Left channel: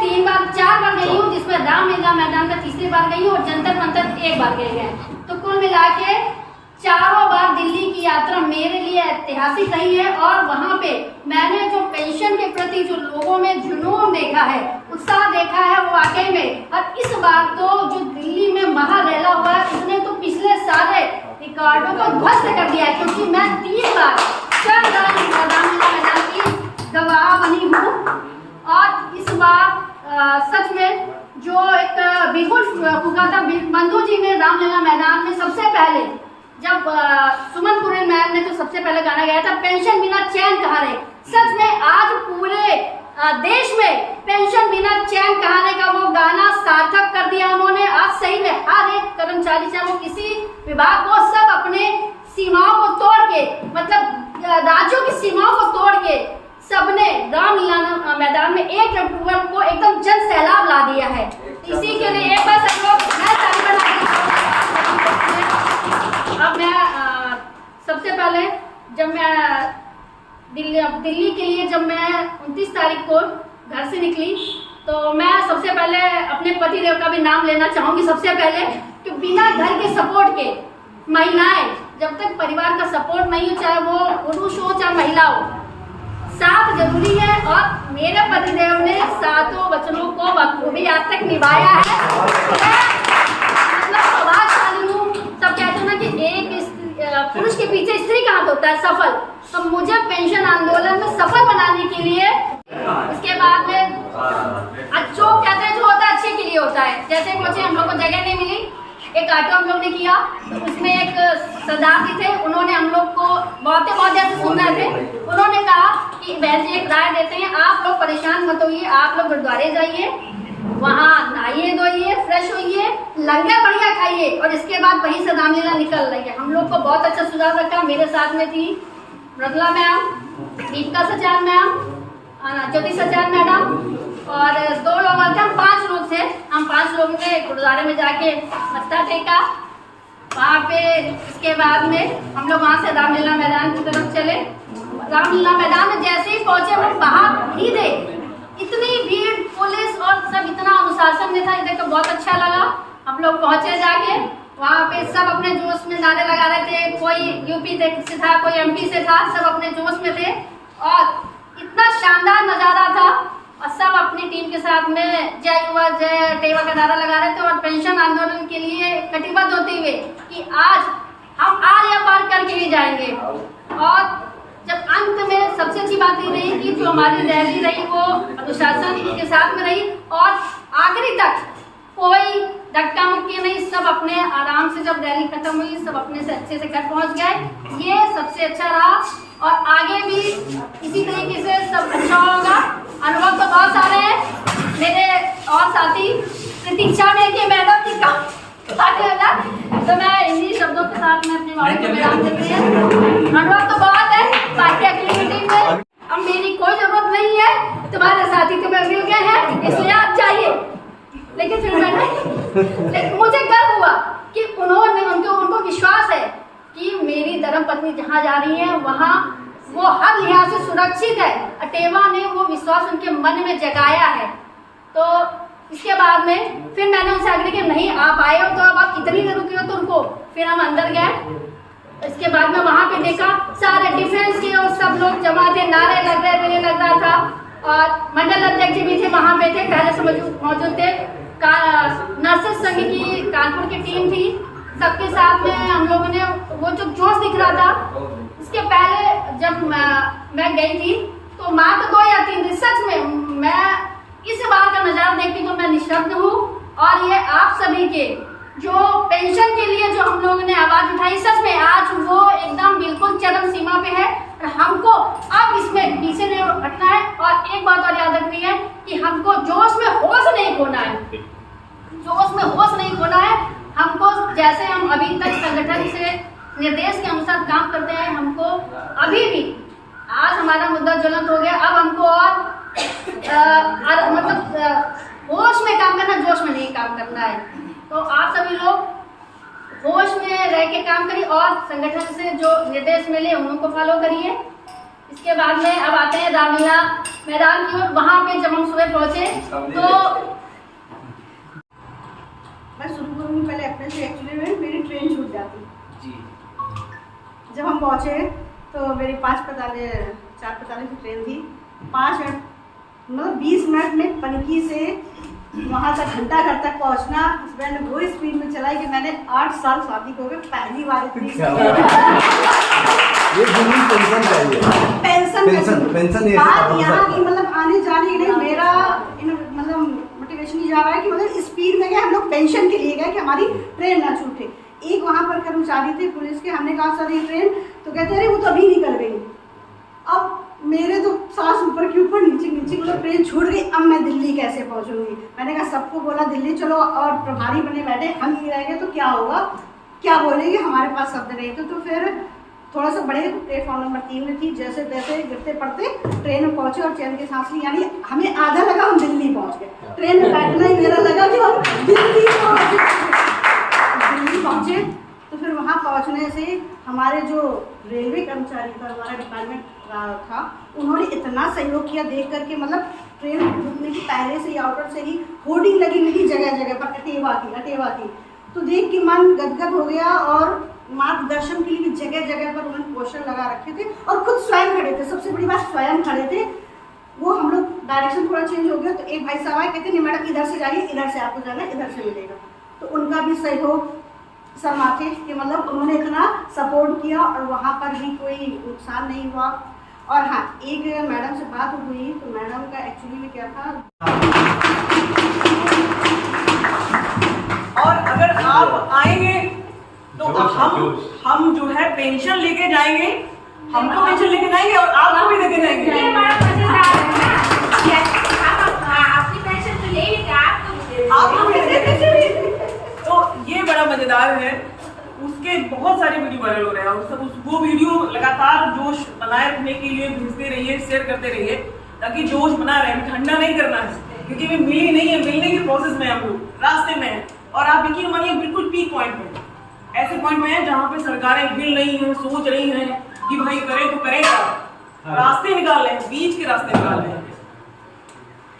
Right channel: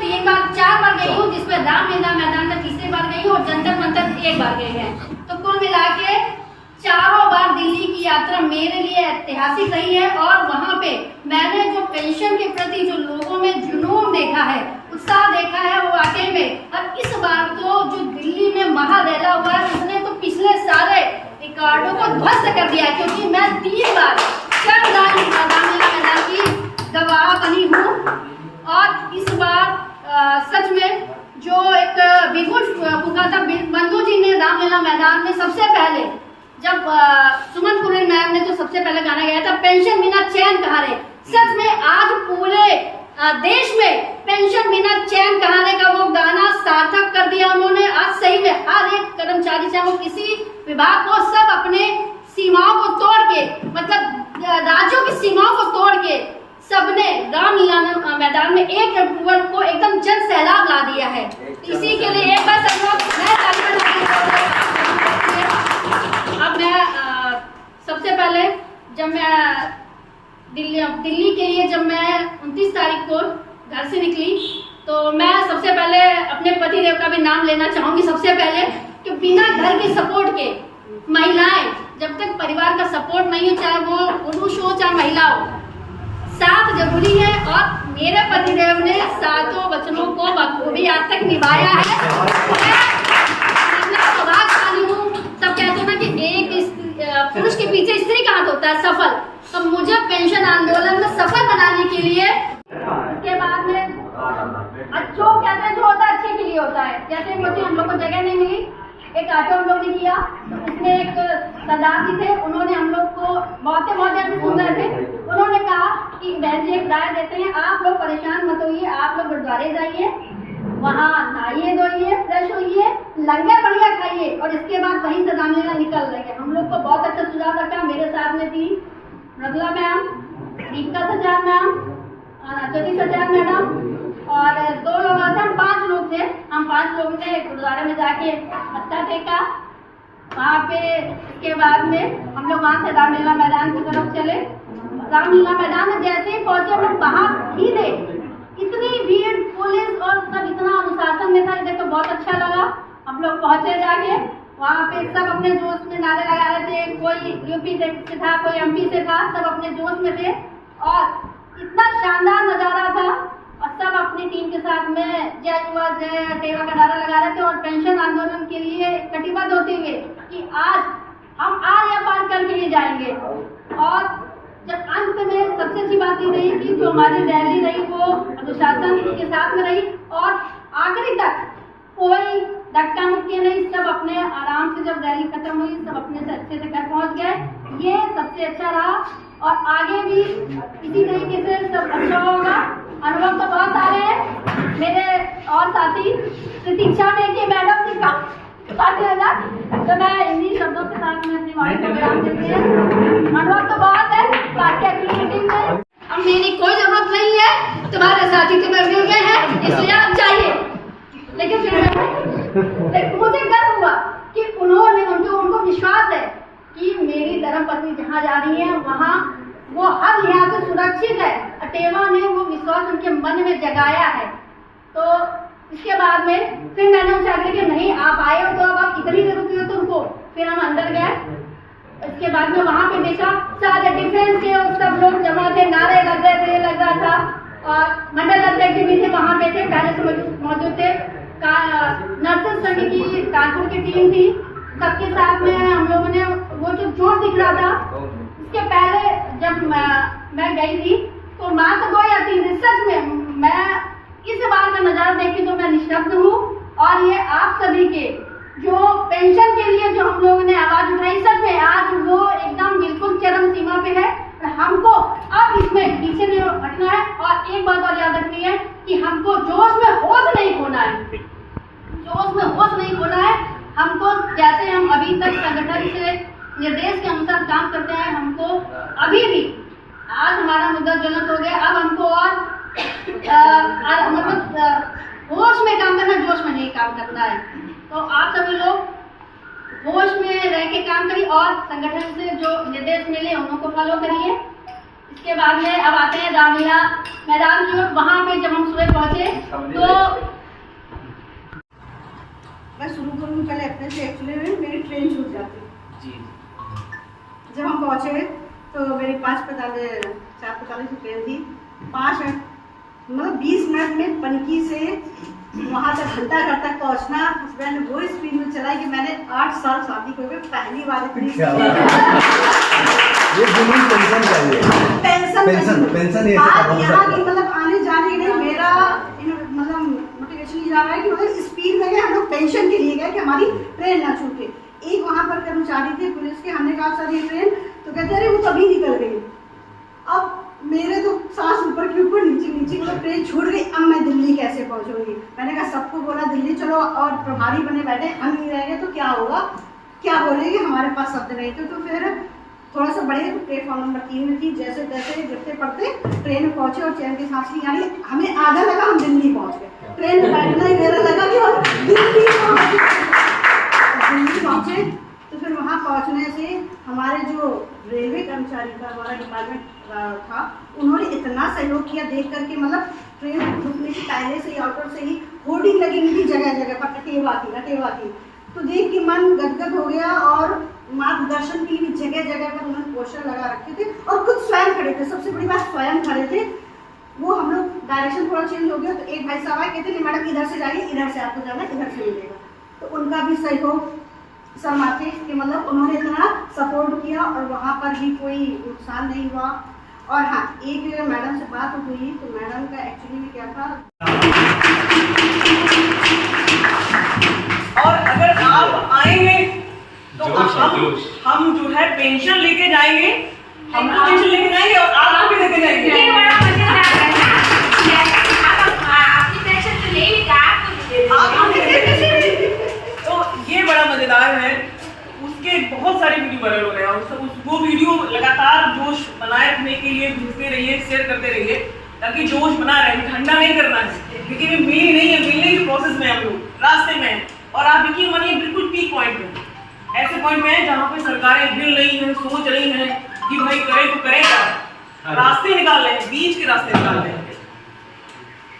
3 बार 4 बार गई हूँ, जिसमें रामलीला मैदान में तीसरी बार गई हूँ और जंतर मंतर 1 बार गए हैं। तो कुल मिला के चारों बार दिल्ली की यात्रा मेरे लिए ऐतिहासिक रही है। और वहाँ पे मैंने जो पेंशन के प्रति जो लोगों में जुनून देखा है, उत्साह देखा है, वो वाकई में। और इस बार तो जो दिल्ली में महारेला हुआ है, उसने तो पिछले सारे रिकॉर्डों को ध्वस्त कर दिया है, क्योंकि मैं 3 बार रामलीला मैदान की गवाह बनी हूँ। और इस बार सच में जो एक बिगुल फूका था बंधु जी ने रामलीला मैदान में, सबसे पहले जब सुमन पुरी मैम ने जो सबसे पहले गाना गाया था, पेंशन बिना चैन कहाँ रहे। सच में आज पूरे देश में पेंशन बिना चैन कहाँ रहे का वो गाना सार्थक कर दिया उन्होंने। आज सही में हर एक कर्मचारी, चाहे वो किसी विभाग को, सब अपने सीमाओं को तोड़ के, मतलब राज्यों की सीमाओं को तोड़ के सबने रामलीला मैदान में 1 अक्टूबर को एकदम जन सैलाब ला दिया है। इसी के लिए एक बार सब लोग मैं ताली बजा। अब मैं सबसे पहले जब मैं दिल्ली के लिए जब मैं 29 तारीख को घर से निकली, तो मैं सबसे पहले अपने पतिदेव का भी नाम लेना चाहूँगी। सबसे पहले कि बिना घर के सपोर्ट के महिलाएं, जब तक परिवार का सपोर्ट नहीं हो, चाहे वो पुरुष हो चाहे महिला हो, साथ जरूरी है। और मेरे पतिदेव ने 7 वचनों को बखूबी आज तक निभाया है। मैं सौभाग्यशाली हूँ। सब कहते हैं ना कि एक पुरुष के पीछे स्त्री का हाथ होता है सफल, तो मुझे पेंशन आंदोलन में सफल बनाने के लिए, उसके बाद में जो कहते हैं जो होता है अच्छे के लिए होता है। जैसे मुझे हम लोग को जगह नहीं मिली, एक ऑटो हम लोग ने किया, तो उसमें एक सरदार जी थे, उन्होंने हम लोग को बहुत देर से सुन रहे थे। उन्होंने कहा कि बहन जी एक राय देते हैं, आप लोग परेशान मत होइए, आप लोग गुरुद्वारे जाइए, वहाँ नहाइए धोइए, फ्रेश होइए, लंगर बढ़िया खाइए, और इसके बाद वहीं से रामलीला निकल रही है। हम लोग को बहुत अच्छा सुझाव रखा। मेरे साथ में थी मृदुला मैम, दीपिका सचार मैम, ज्योति सचार मैडम, और 2 लोग थे, हम 5 लोग थे। हम 5 लोगों ने गुरुद्वारे में जाके मत्था टेका वहाँ पे। इसके बाद में हम लोग वहाँ से रामलीला मैदान की तरफ चले। रामलीला मैदान में जैसे ही पहुंचे, हम बाहर ही थे, इतनी भीड़, पुलिस और सब इतना अनुशासन में था, ये देखकर बहुत अच्छा लगा। हम लोग पहुंचे जाके, वहाँ पे सब अपने जोश में नारे लगा रहे थे। कोई यूपी से था, कोई एमपी से था, सब अपने जोश में थे और इतना शानदार नज़ारा था। और सब अपनी टीम के साथ में जय युवा जय टेवा का नारा लगा रहे थे और पेंशन आंदोलन के लिए कटिबद्ध होते हुए कि आज हम आर या पार करके ही जाएंगे। और जब अंत में सबसे अच्छी बात ये रही कि जो हमारी रैली रही वो अनुशासन के साथ में रही और आखिरी तक कोई धक्का मुक्की नहीं, सब अपने आराम से, जब रैली खत्म हुई सब अपने से अच्छे से घर पहुंच गए। ये सबसे अच्छा रहा और आगे भी इसी तरीके से सब अच्छा होगा। अनुभव तो बहुत सारे हैं। मेरे और साथी प्रतीक्षा में कि मैडम जी का तो मैं इन्हीं शब्दों के साथ में अपनी वाणी को विराम देती है। अनुभव तो बहुत है बाकी अगली मीटिंग में। अब मेरी कोई जरूरत नहीं है, तुम्हारे साथी तुम्हें मिल गए हैं, इसलिए आप चाहिए। लेकिन फिर मुझे गर्व हुआ कि उन्होंने, उनको विश्वास है कि मेरी धर्मपत्नी जहाँ जा रही है वहाँ वो हर लिहाज से सुरक्षित है। अटेवा ने वो विश्वास उनके मन में जगाया है। तो इसके बाद में फिर मैंने उनसे आग्रह किया, नहीं आप आए हो तो अब आप कितनी देर रुके हो, तो उनको फिर हम अंदर गए। इसके बाद में वहाँ पे देखा सारे डिफेंस के और सब लोग जमा थे, नारे लग रहा था और मंडल अध्यक्ष जी भी थे, वहाँ पे थे, पहले से मौजूद थे। नर्सेस संघ की कानपुर की टीम थी, सबके साथ में हम लोगों ने वो जो जोश दिख रहा था। इसके पहले जब मैं गई थी तो माँ तो 2 या 3 थी। सच में मैं इस बार का नज़ारा देखी तो मैं निशब्द हूँ। और ये आप सभी के जो पेंशन के लिए जो हम लोगों ने आवाज़ उठाई, सच में आज वो एकदम बिल्कुल चरम सीमा पे है और हमको अब इसमें पीछे नहीं हटना है। और एक बात और याद रखनी है कि हमको जोश में होश नहीं खोना है, जोश में होश नहीं खोना है। हमको जैसे हम अभी तक संगठन से निर्देश के अनुसार काम करते हैं, हमको अभी भी आज हमारा मुद्दा ज्वलंत हो गया। अब हमको और मतलब होश में काम करना, जोश में नहीं काम करना है। तो आप सभी लोग होश में रह के काम करिए और संगठन से जो निर्देश मिले उनको फॉलो करिए। इसके बाद में अब आते हैं रामलीला मैदान की ओर। वहाँ पे जब हम सुबह पहुँचे तो मैं शुरू करूँगी पहले अपने से। एक्चुअली में मेरी ट्रेन छूट जाती जी। जब हम पहुँचे तो मेरी 4:45 की ट्रेन थी। 5 मिनट मतलब 20 मिनट में पनकी से वहाँ तक घंटा घर तक पहुँचना हस्बैंड वो स्पीड में चलाई कि मैंने 8 साल शादी को पहली बार इतनी ये जुनून पेंशन चाहिए। पेंशन ये यहाँ की मतलब आने जाने के लिए मेरा मतलब मोटिवेशन ही जा रहा है कि मतलब स्पीड में गए हम लोग पेंशन के लिए गए कि हमारी ट्रेन ना छूटे। एक वहाँ पर कर्मचारी थे पुलिस के, हमने कहा सर ये ट्रेन, तो कहते अरे वो तो अभी निकल गई। अब मेरे तो सांस ऊपर के ऊपर नीचे मतलब ट्रेन छूट गई। अब मैं दिल्ली कैसे पहुँचूंगी? मैंने कहा सबको बोला दिल्ली चलो, और प्रभारी बने बैठे, हम नहीं रहेंगे तो क्या होगा, क्या बोलेंगे, हमारे पास शब्द नहीं थे। तो फिर थोड़ा सा बड़े प्लेटफॉर्म नंबर 3 में थी, जैसे तैसे गिरते पड़ते ट्रेन में पहुंचे और चैन की सांस ली। यानी हमें आधा लगा हम दिल्ली पहुंच गए। ट्रेन में बैठना ही मेरा लगा कि हम दिल्ली पहुंचे। तो फिर वहां पहुंचने से हमारे जो रेलवे कर्मचारी था, हमारा डिपार्टमेंट था, उन्होंने इतना सहयोग किया देख करके, मतलब ट्रेन रुकने की पहले से ही आउटर से ही होर्डिंग लगी हुई थी जगह जगह पर, अटेवा की। तो देख के मन गदगद हो गया। और मार्गदर्शन के लिए भी जगह जगह पर उन्होंने पोस्टर लगा रखे थे और खुद स्वयं खड़े थे। सबसे बड़ी बात स्वयं खड़े थे। वो हम लोग डायरेक्शन थोड़ा चेंज हो गया तो एक भाई साहब आए, कहते नहीं मैडम इधर से जाइए, इधर से आपको जाना, इधर से मिलेगा। तो उनका भी सहयोग सर माथे कि मतलब उन्होंने इतना सपोर्ट किया और वहाँ पर भी कोई नुकसान नहीं हुआ। और हाँ, एक मैडम से बात हुई तो मैडम का एक्चुअली में क्या था, और अगर आप आएंगे तो हम जो है पेंशन लेके जाएंगे, हमको पेंशन लेके जाएंगे और आपको भी लेके जाएंगे। तो ये बड़ा मजेदार है। उसके बहुत सारे वीडियो वायरल हो रहे हैं और वो वीडियो लगातार जोश बनाए रखने के लिए भेजते रहिए, शेयर करते रहिए ताकि जोश बना रहे। ठंडा नहीं करना है क्योंकि ये मिली नहीं है, मिलने की प्रोसेस में हम लोग रास्ते में हैं। और आप यकीन मानिए बिल्कुल पीक पॉइंट में, ऐसे पॉइंट में है जहाँ पे सरकारें हिल रही हैं, सोच रही हैं कि भाई करें तो करें क्या, रास्ते निकाल रहे हैं, बीच के रास्ते निकाल रहे हैं।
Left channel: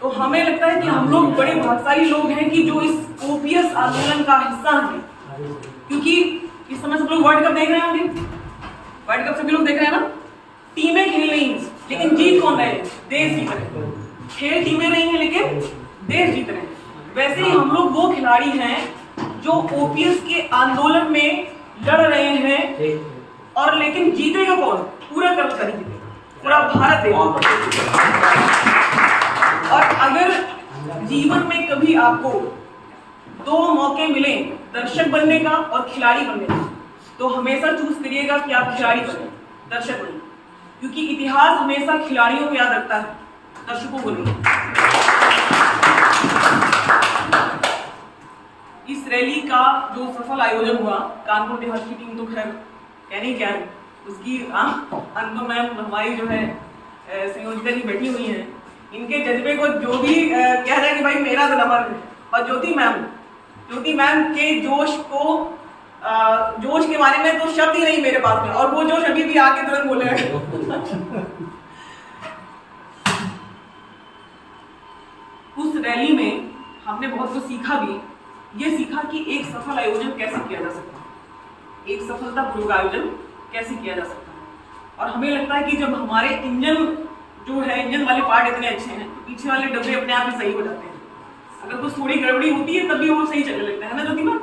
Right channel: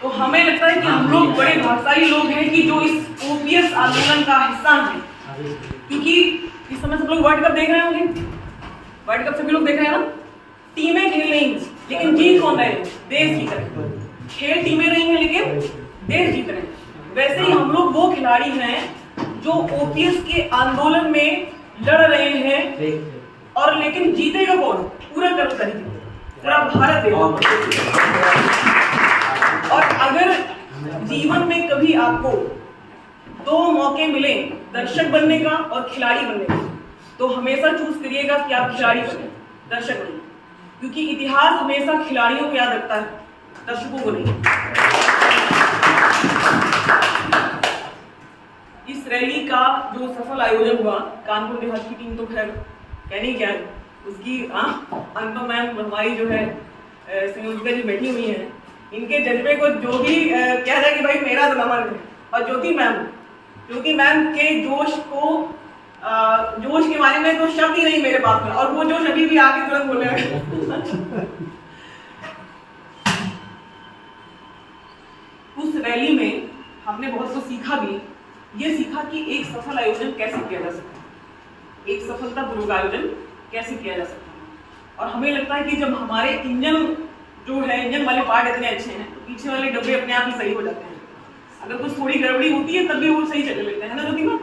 तो हमें लगता है कि हम लोग बड़े भाग्यशाली लोग हैं कि जो इस ओपीएस आंदोलन का हिस्सा हैं। क्योंकि इस समय सब लोग वर्ल्ड कप देख रहे होंगे, वर्ल्ड कप सभी लोग देख रहे हैं ना। टीमें खेल रही हैं लेकिन जीत कौन रहे हैं? देश जीत रहे। खेल टीमें रही हैं लेकिन देश जीत रहे हैं। वैसे ही हम लोग वो खिलाड़ी हैं जो ओपीएस के आंदोलन में लड़ रहे हैं, और लेकिन जीतेगा कौन? पूरा कर्मचारी जीतेगा, पूरा भारत देगा। और अगर जीवन में कभी आपको 2 मौके मिले दर्शक बनने का और खिलाड़ी बनने का, तो हमेशा चूज करिएगा कि आप खिलाड़ी बने, दर्शक बने। क्योंकि इतिहास हमेशा खिलाड़ियों को याद रखता है, दर्शकों को नहीं। इस रैली का जो सफल आयोजन हुआ, कानपुर देहात की टीम तो खैर कहने क्या है उसकी, अंतु मैम हमारी जो है संयोजिका जी बैठी हुई हैं, इनके जज्बे को जो भी कहा जाए कि भाई मेरा तो नंबर है। और ज्योति मैम के जोश के बारे में तो शब्द ही नहीं मेरे पास में, और वो जोश अभी भी आके तुरंत बोले उस रैली में हमने बहुत कुछ सीखा भी। ये सीखा कि एक सफल आयोजन कैसे किया जा सकता है, एक सफलतापूर्वक आयोजन कैसे किया जा सकता है। और हमें लगता है कि जब हमारे इंजन वाले पार्ट इतने अच्छे हैं तो पीछे वाले डब्बे अपने आप ही सही हो जाते हैं। अगर कुछ थोड़ी गड़बड़ी होती है तब भी वो सही चलने लगता है ना ज्योति मैम?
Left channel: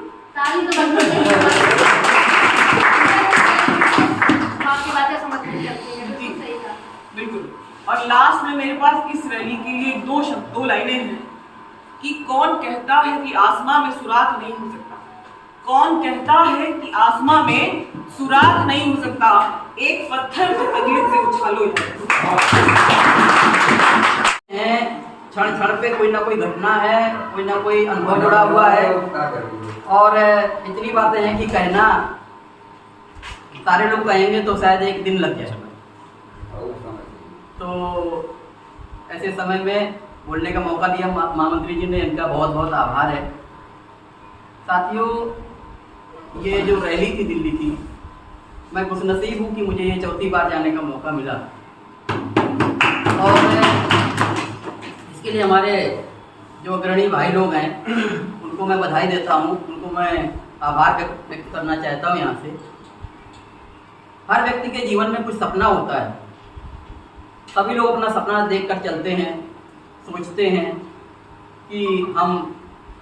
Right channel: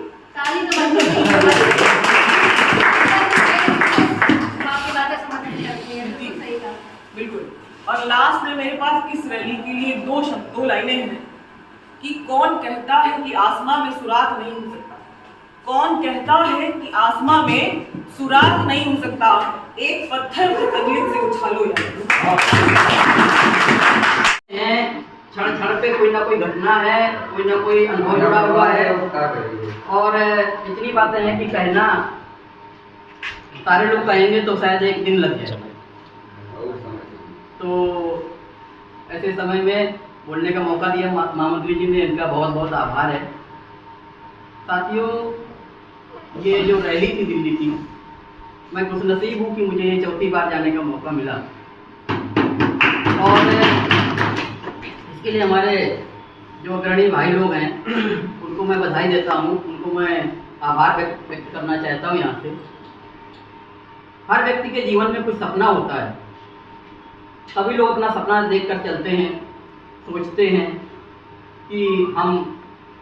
बिल्कुल। और लास्ट में मेरे पास इस रैली के लिए 2 लाइनें हैं कि कौन कहता है कि आसमां में सुराख नहीं हो सकता, कौन कहता है कि आसमां में सुराख नहीं हो सकता, एक पत्थर को तकलीफ से उछालो। क्षण क्षण पे कोई ना कोई घटना है, कोई ना कोई अनुभव जुड़ा हुआ है, और इतनी बातें हैं कि कहना सारे लोग कहेंगे तो शायद एक दिन लग जाए। तो ऐसे समय में बोलने का मौका दिया महामंत्री जी ने, इनका बहुत बहुत आभार है। साथियों, ये जो रैली थी दिल्ली की, मैं खुशनसीब हूँ कि मुझे ये 4थी बार जाने का मौका मिला। इसके लिए हमारे जो अग्रणी भाई लोग हैं उनको मैं बधाई देता हूँ, उनको मैं आभार व्यक्त करना चाहता हूँ यहाँ से। हर व्यक्ति के जीवन में कुछ सपना होता है, सभी लोग अपना सपना देखकर चलते हैं, सोचते हैं कि हम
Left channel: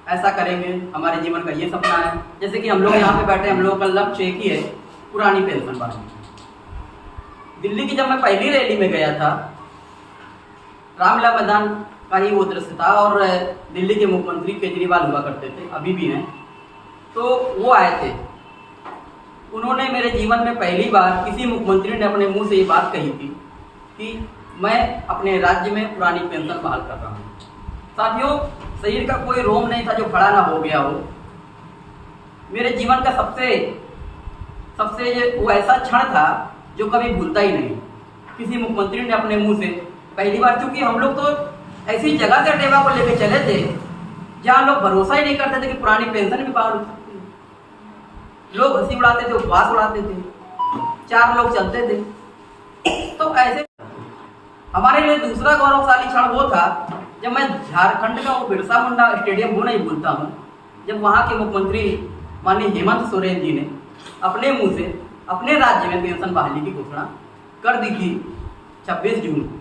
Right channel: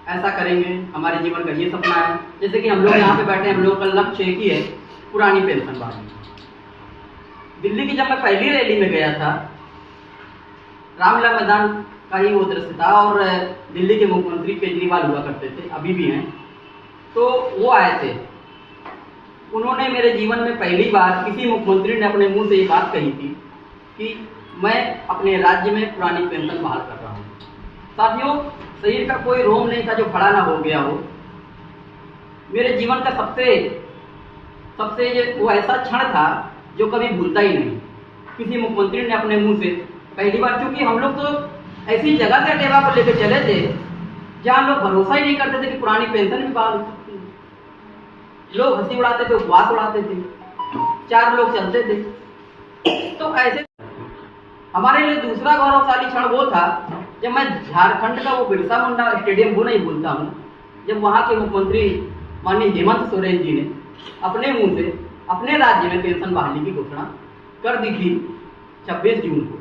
ऐसा करेंगे, हमारे जीवन का ये सपना है। जैसे कि हम लोग यहाँ पे बैठे, हम लोगों का लक्ष्य एक ही है, पुरानी पेंशन बहाली। दिल्ली की जब मैं पहली रैली में गया था, रामलीला मैदान का ही वो दृश्य था और दिल्ली के मुख्यमंत्री केजरीवाल हुआ करते थे, अभी भी हैं, तो वो आए थे। उन्होंने मेरे जीवन में पहली बार किसी मुख्यमंत्री ने अपने मुंह से ये बात कही थी कि मैं अपने राज्य में पुरानी पेंशन बहाल कर रहा हूँ। साथियों, शरीर का कोई रोम नहीं था जो खड़ा ना हो गया हो। मेरे जीवन का सबसे वो ऐसा क्षण था जो कभी भूलता ही नहीं। किसी मुख्यमंत्री ने अपने मुंह से पहली बार, क्योंकि हम लोग तो ऐसी जगह से टेबा पर लेकर चले थे जहाँ लोग भरोसा ही नहीं करते थे कि पुरानी पेंशन भी बहाल हो सकती है। लोग हंसी उड़ाते थे, उपवास उड़ाते थे, 4 लोग चलते थे। तो ऐसे हमारे लिए दूसरा गौरवशाली क्षण वो था जब मैं झारखंड का वो बिरसा मुंडा स्टेडियम वो नहीं भूलता हूँ, जब वहाँ के मुख्यमंत्री माननीय हेमंत सोरेन जी ने अपने मुंह से अपने राज्य में पेंशन बहाली की घोषणा कर दी थी 26 जून को।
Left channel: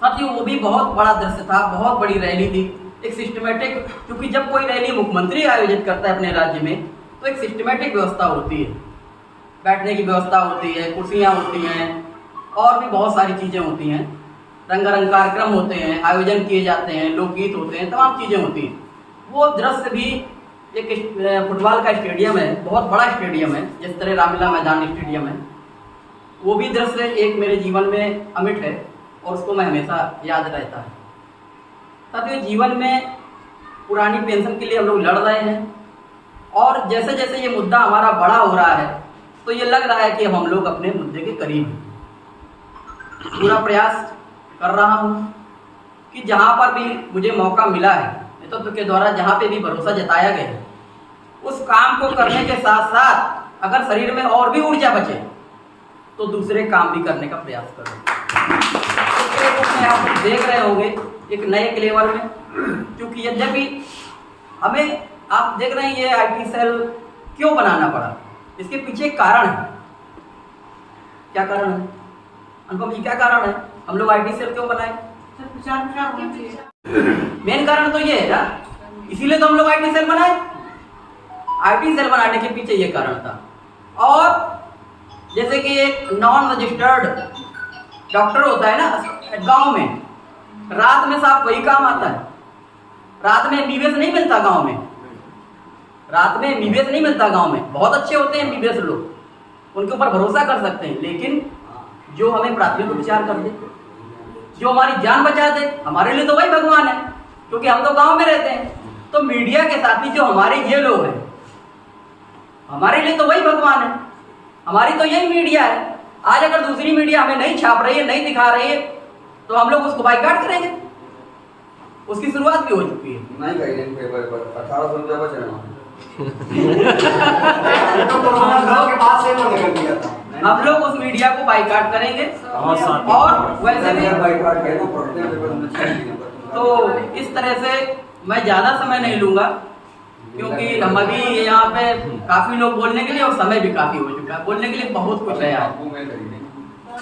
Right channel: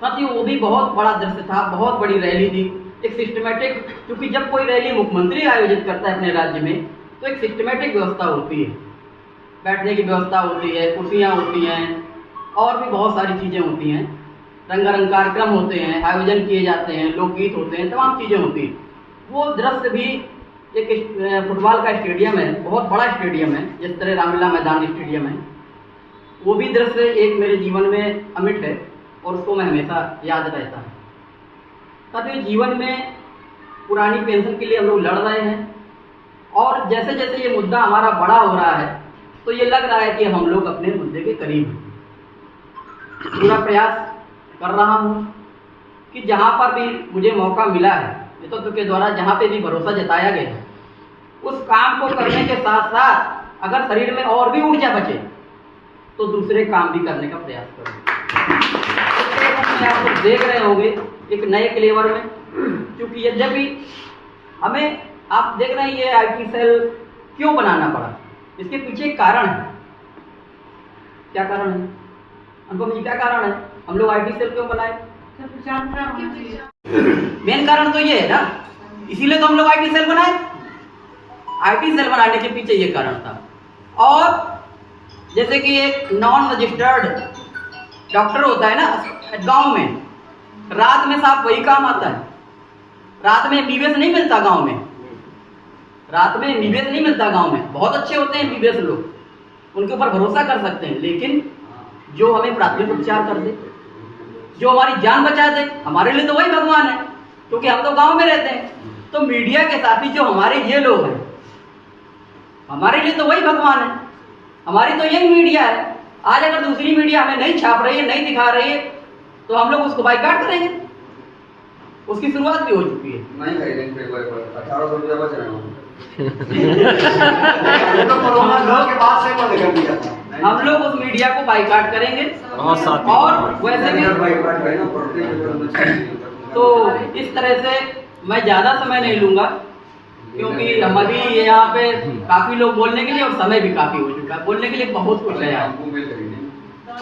साथियों, वो भी बहुत बड़ा दृश्य था, बहुत बड़ी रैली थी, एक सिस्टमेटिक, क्योंकि जब कोई रैली मुख्यमंत्री आयोजित करता है अपने राज्य में तो एक सिस्टमेटिक व्यवस्था होती है, बैठने की व्यवस्था होती है, कुर्सियाँ होती हैं और भी बहुत सारी चीज़ें होती हैं, रंगारंग कार्यक्रम होते हैं, आयोजन किए जाते हैं, लोकगीत होते हैं, तमाम चीज़ें होती हैं। वो दृश्य भी एक फुटबॉल का स्टेडियम है, बहुत बड़ा स्टेडियम है, जिस तरह रामलीला मैदान स्टेडियम है, वो भी दृश्य एक मेरे जीवन में अमिट है और उसको मैं हमेशा याद रहता है। साथियों, जीवन में पुरानी पेंशन के लिए हम लोग लड़ रहे हैं और जैसे जैसे ये मुद्दा हमारा बड़ा हो रहा है तो ये लग रहा है कि हम लोग अपने मुद्दे के करीब हैं। पूरा प्रयास कर रहा हूँ कि जहाँ पर भी मुझे मौका मिला है, नेतृत्व के द्वारा जहाँ पे भी भरोसा जताया गया है, उस काम को करने के साथ साथ अगर शरीर में और भी ऊर्जा बचे तो दूसरे काम भी करने का प्रयास करें। आप देख रहे होंगे एक नए क्लेवर में, क्योंकि यद्यपि हमें आप देख रहे हैं ये IT सेल क्यों बनाना पड़ा, इसके पीछे एक कारण है। क्या कारण है अनुपम जी, क्या कारण है हम लोग IT सेल क्यों बनाए? मेन कारण तो ये है ना, इसीलिए तो हम लोग IT सेल बनाए। IT सेल बनाने के पीछे ये कारण था। और जैसे कि एक नॉन रजिस्टर्ड डॉक्टर होता है ना गांव में, रात में साहब वही काम आता है। रात में MBBS नहीं मिलता गांव में, रात में MBBS नहीं मिलता गांव में। बहुत अच्छे होते हैं MBBS लोग, उनके ऊपर भरोसा कर सकते हैं, लेकिन जो हमें प्राथमिक उपचार कर दे, जो हमारी जान बचा दे, हमारे लिए तो वही भगवान है, क्योंकि हम तो गांव में रहते हैं। तो मीडिया के साथी जो हमारे ये लोग हैं, हमारे लिए तो वही भगवान है, हमारी तो यही मीडिया है। आज अगर दूसरी मीडिया हमें नहीं छाप रही है, नहीं दिखा रही है, तो हम लोग उसको बाइकाट करेंगे। उसकी शुरुआत भी हो चुकी है। नहीं करेंगे 1800 रुपया बच रहे हैं। हम लोग उस मीडिया को बाइकाट करेंगे और वैसे भी तो इस तरह से मैं ज़्यादा समय नहीं लूँगा, क्योंकि हम अभी यहाँ पे काफ़ी लोग बोलने के लिए और समय भी काफ़ी हो चुका है, बोलने के लिए बहुत कुछ है यार।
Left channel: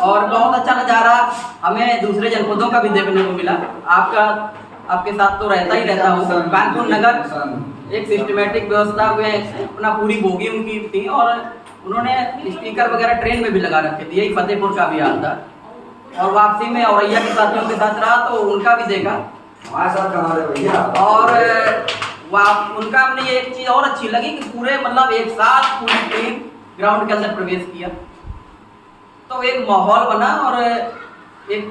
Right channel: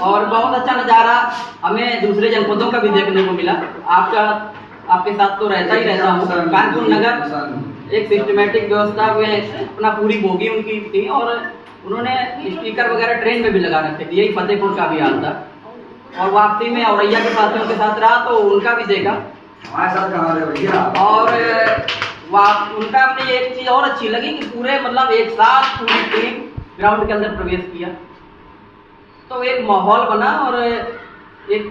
और बहुत अच्छा नज़ारा हमें दूसरे जनपदों का भी देखने को मिला। आपके साथ तो रहता ही रहता हूँ। कानपुर नगर एक सिस्टमेटिक व्यवस्था में अपना पूरी बोगी उनकी थी और उन्होंने स्पीकर वगैरह ट्रेन में भी लगा रखे थे। यही फतेहपुर का भी हाल था और वापसी में औरैया के साथियों के साथ रहा तो उनका भी देखा। और उनका हमने एक चीज़ और अच्छी लगी कि पूरे मतलब एक साथ पूरी टीम ग्राउंड के अंदर प्रवेश किया, तो एक माहौल बना और एक